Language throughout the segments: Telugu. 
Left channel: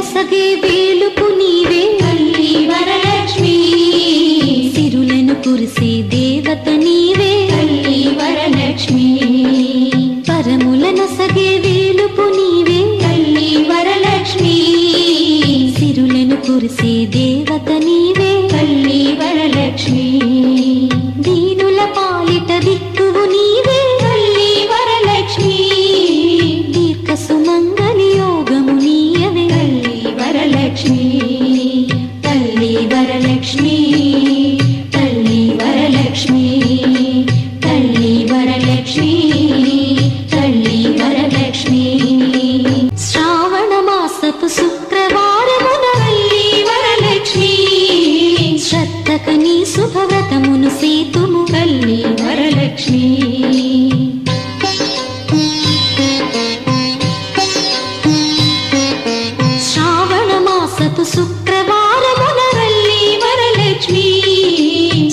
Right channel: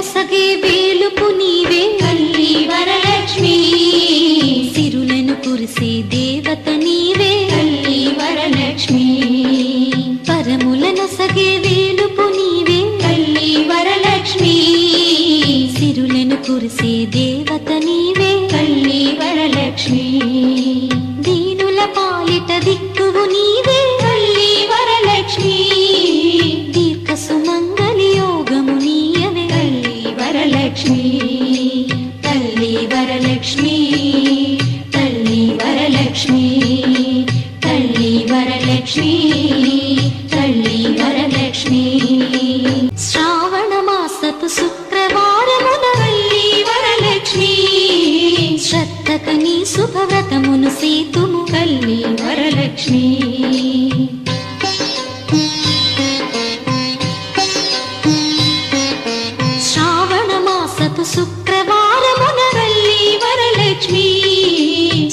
నొసగే వేలుపు నీవే తల్లి వరలక్ష్మి, సిరులను కురిసే దేవత నీవే తల్లి వరలక్ష్మి, పరముల నొసగే వేలుపు నీవే తల్లి వరలక్ష్మి, సిరులను కురిసే దేవత నీవే తల్లి వరలక్ష్మి, దీనుల పాలిట దిక్కువు నీవే తల్లి వరలక్ష్మి, దీర్ఘ సుమంగళి యోగము నీయవే తల్లి వరలక్ష్మి, తల్లి వరలక్ష్మి, తల్లి వరలక్ష్మి, తల్లి వరలక్ష్మి, తల్లి వరలక్ష్మి. శ్రావణ మాసపు శుక్రవారమున తల్లి వరలక్ష్మి, శ్రద్ధకని శుభవ్రతమును సేతుము తల్లి వరలక్ష్మి, శ్రావణ మాసపు శుక్రవారమున తల్లి వరలక్ష్మి,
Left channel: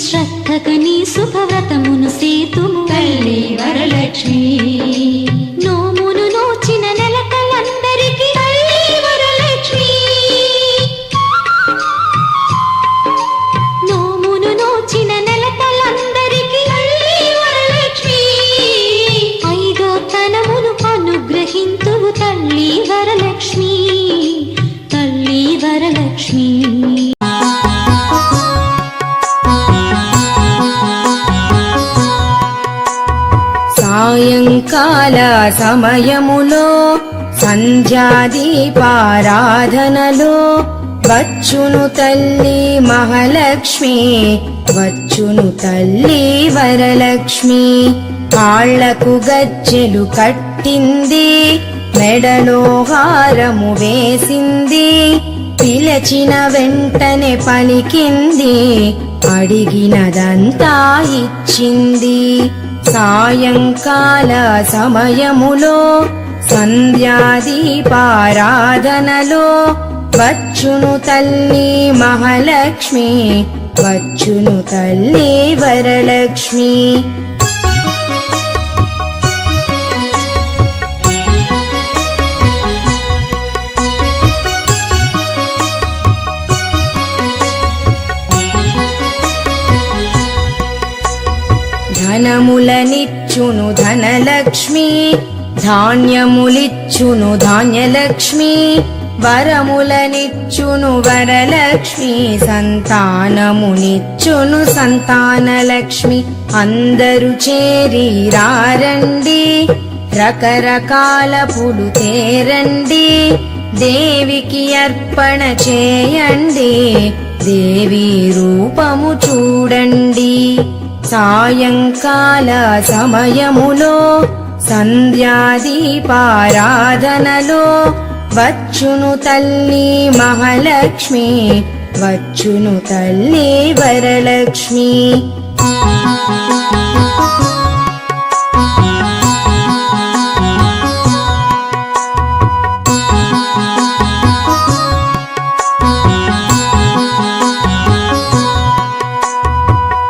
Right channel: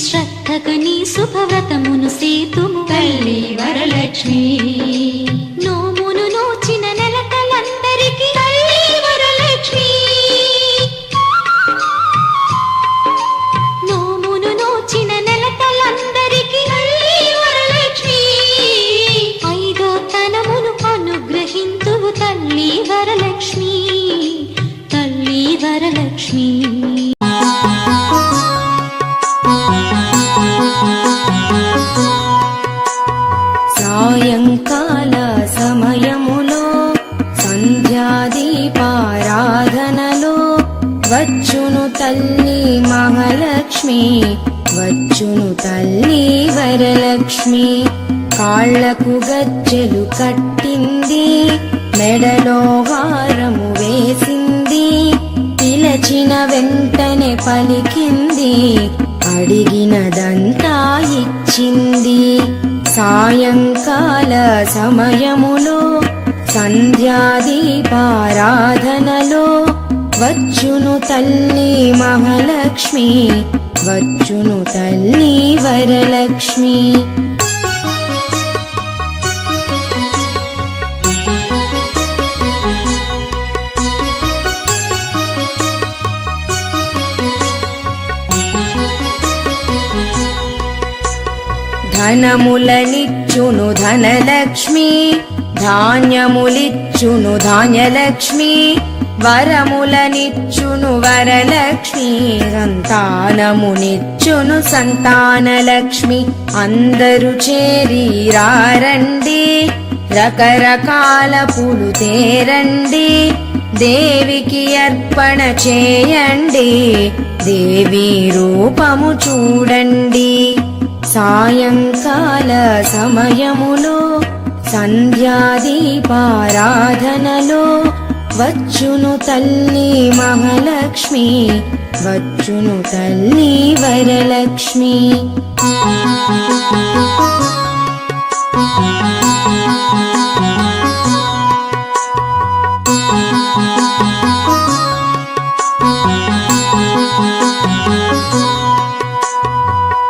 శ్రద్ధకని శుభవ్రతమును సేతుము తల్లి వరలక్ష్మి, నోమును నోచిన నెలకలందరికీ తల్లి వరలక్ష్మి, నోమును నోచిన నెలకలందరికీ తల్లి వరలక్ష్మి, ఐదో తనమును అనుగ్రహింతువు తల్లి వరలక్ష్మి, తల్లి వరలక్ష్మి. సాయంకాల సమయములో సంధ్యాదీపారాధనలో వచ్చును తల్లి మహాలక్ష్మి, వచ్చును తల్లి వరలక్ష్మి. కాళ్లకు గజ్జెలు కట్టింది, మెడలో హారము వేసింది, పిలచిన వెంటనే పలికింది, అడిగినదంతా ఇచ్చింది. సాయంకాల సమయములో సంధ్యాదీపారాధనలో వచ్చును తల్లి మహాలక్ష్మి, వచ్చును తల్లి వరలక్ష్మి. ధనములనిచ్చును ధనలక్ష్మి, ధాన్యములిచ్చును ధాన్యలక్ష్మి, వరములనిచ్చును వరలక్ష్మి, సంతానమునిచ్చును సంతానలక్ష్మి. అందరూ చేరి రారండి, రకరకాల పూలు తేరండి, దేవికి అర్పణ చేయండి, దేవి రూపము చూడండి. సాయంకాల సమయములో సంధ్యాదీపారాధనలో వచ్చును తల్లి మహాలక్ష్మి, వచ్చును తల్లి వరలక్ష్మి.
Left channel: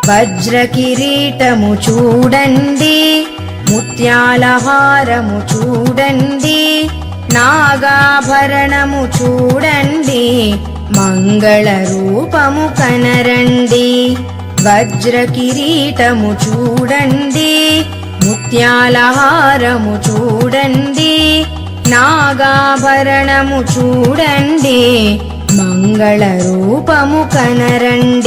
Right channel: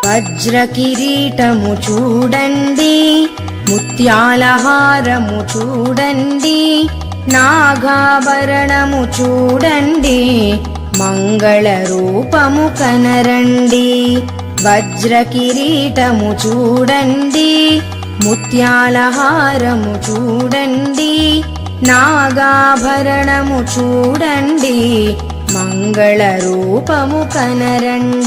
వజ్ర కిరీటము చూడండి, ముత్యాల హారము చూడండి, నాగాభరణము చూడండి, మంగళ రూపము కనరండి. వజ్ర కిరీటము చూడండి, ముత్యాల హారము చూడండి, నాగాభరణము చూడండి, మంగళ రూపము కనరండి.